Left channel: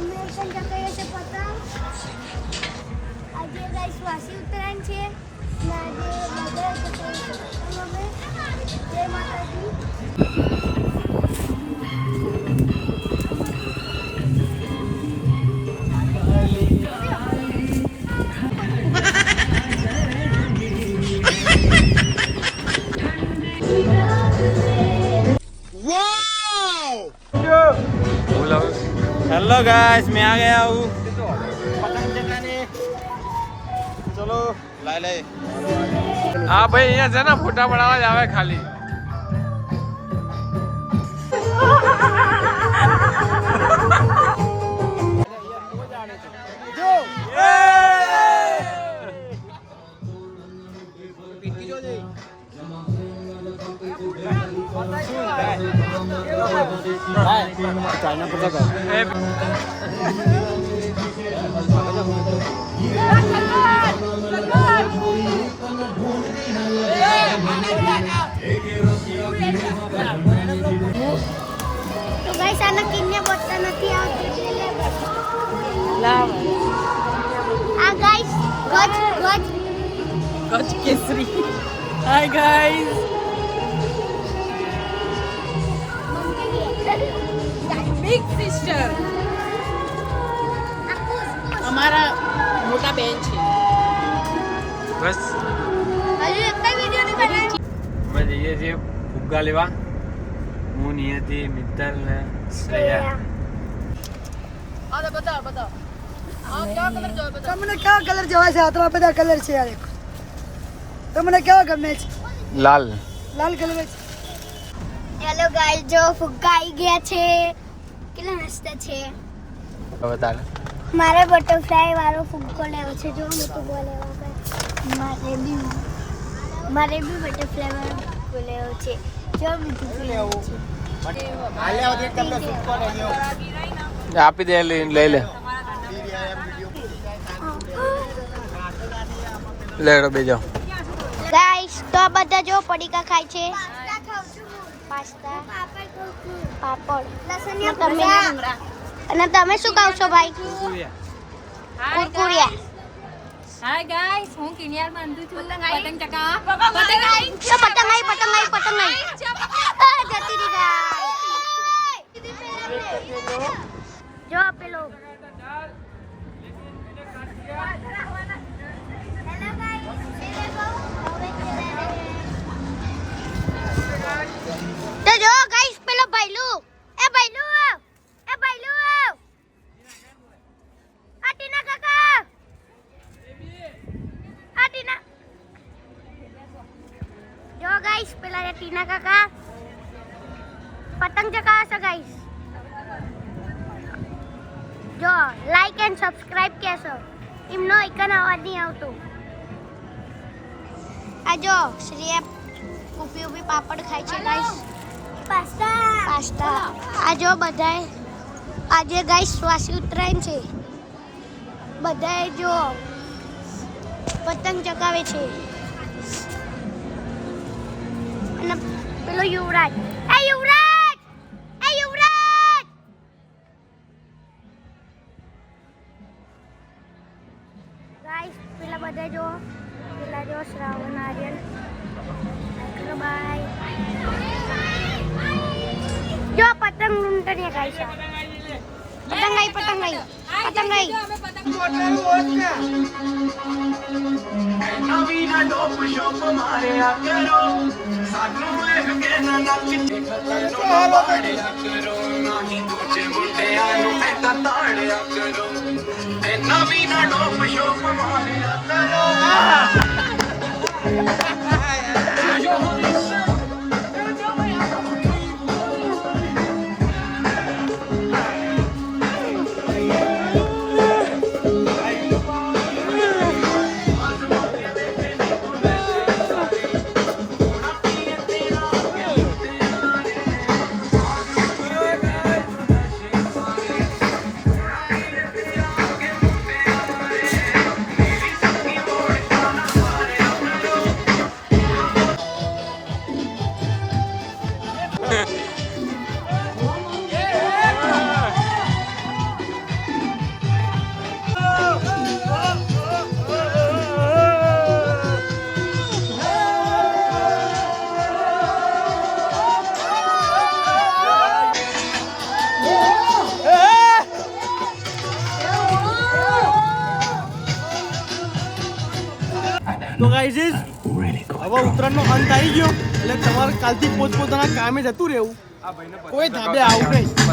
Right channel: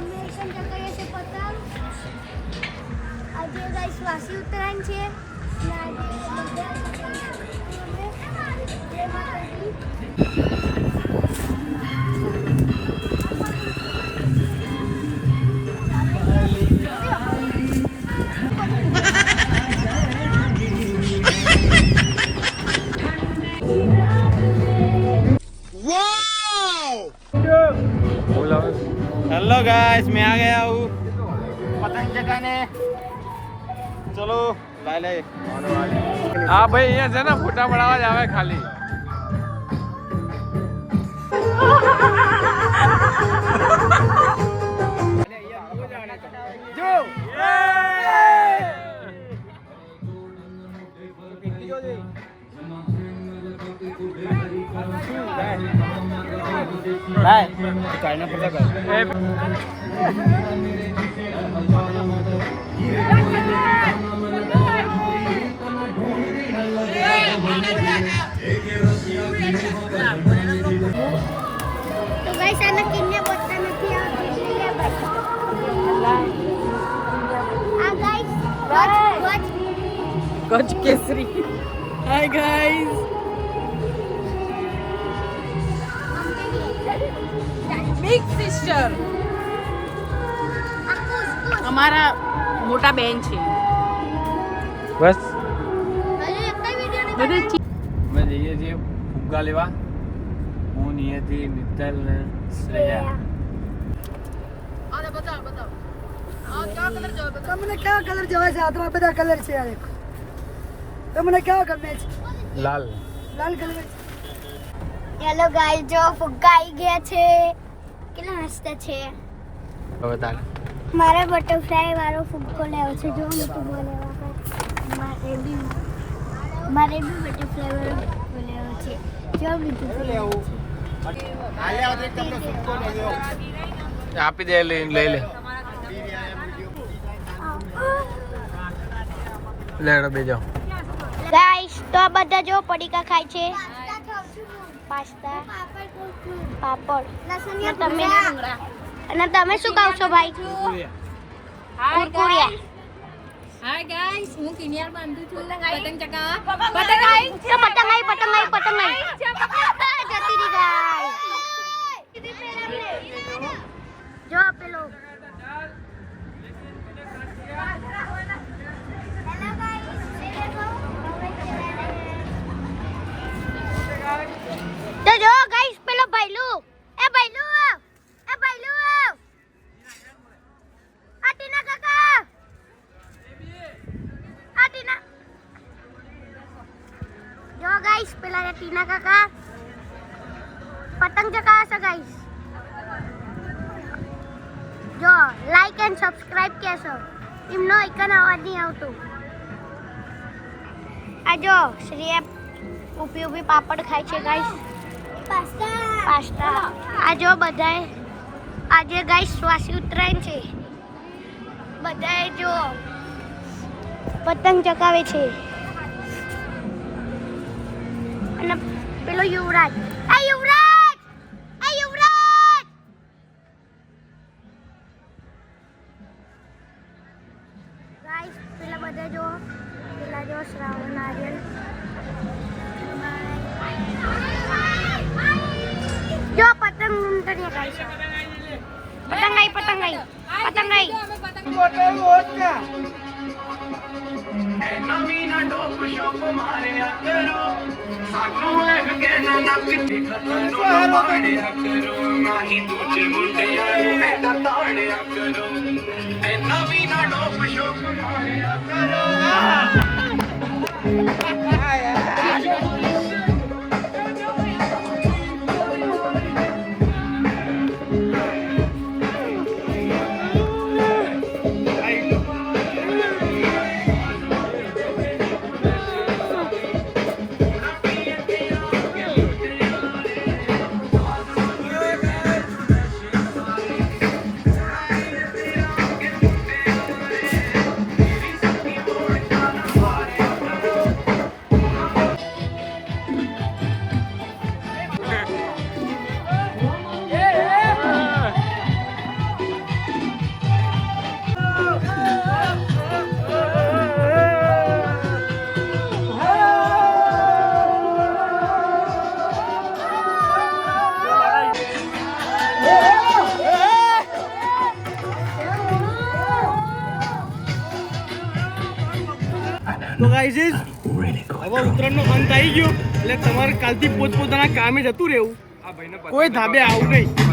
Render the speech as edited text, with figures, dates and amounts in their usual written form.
American ચકાઈએ છે પતંગ. આજે ગાઈસ વાસી ઉત્તરાયણ છે અને આજે બધા ચકાઈએ છે પતંગ અમે. જય માતાજી. हेलो गाइस, मैं आ गया हूँ पतंग चगाने. चलो ले. हाँ भाई, यहाँ से ना फोटा पड़ावा जावे खाली. जो चाइना पता તો ગાઈસ આના કિન્ને બોલતા નથી આવતું એટલે લે ભાઈ. આ ગાઈસ ગજ કેસરી. હાય ગાઈસ, બિગ સિસ્ટર અમારા મોટા બેન છે. बस હજુ એક વિડિયો નહીં બનાવી. मैं જઈએ છીએ ફુગ્ગા લેવા. હું નિયતિ, મિત્તલ ને શ્રેયા. અરે બતાવ બતાવ આ કયો કલર જોવે બતાવ. તમને કયા કલર જોવાય છે? આ તો બધા કલર છે યાર. તમને કેવા ગમે છે? લાલ. લાલ કલર છે. ચલો ગાઈસ, જો ફુગ્ગા આવી ગયા છે. કેટલા મસ્ત છે. હવે તારે મારે બટરફ્લાય વાળો ફુગ્ગો લેવો છે. જો હું ફુગ્ગો લેવા ગઈ. મારે બી બટરફ્લાય વાળો ફુગ્ગો લેવો છે. જો બીજું લેવો છે. हाले आते कल सुको नहीं हो. આપી દે, લઈ લે. લે બે જાઓ. ગાઈસ, તો આ બધા જો પડીકા ખાય છે. પાસ્તા, પાપડ. અને તમે શું ખાવ છો ભાઈ? કુરકુરિયા. હાય ગાઈસ, હું કિનિયાર બાંધું છું. પતંગ ચકા. તો પતંગ આવી. જતી રહી ગાઈસ. જો પેલો તો જો ગાઈસ, પેલો ભાઈલું. એ ભાઈલું. આ ટીના કાકા. આ ટીના. જો ગાઈસ, પેલા એ ટીના કાકા પતંગ ચગાવશે ગાઈસ. જો લાઈક એન્ડ સબસ્ક્રાઇબ કેસો. એમનો આઇકન અવાજ નહીં આવતું. આ જો શ્રેયા ઊભી પાપડ ખાય છે ગાઈસ. પાસ્તા. આ જો બધાય આજે ગાઈસ વાસી ઉત્તરાયણ છે. બધાય જો પતંગ ચગાવે છે. અને પેલો યુવરાજ. ગાઈસ, પેલા બધા જો શ્રાવણ નારિયેલ. જો પતંગ ઉંટણીયા ગાઈસ. પતંગ આવી. તો ગાઈઝ હવે ઉત્તરાયણનો અંત આવી ગયો એટલે તમારે કાલથી પોતપોતાના કામે જતું રહેવું આ ભાઈને કોઈ ધાબે આવું નહીં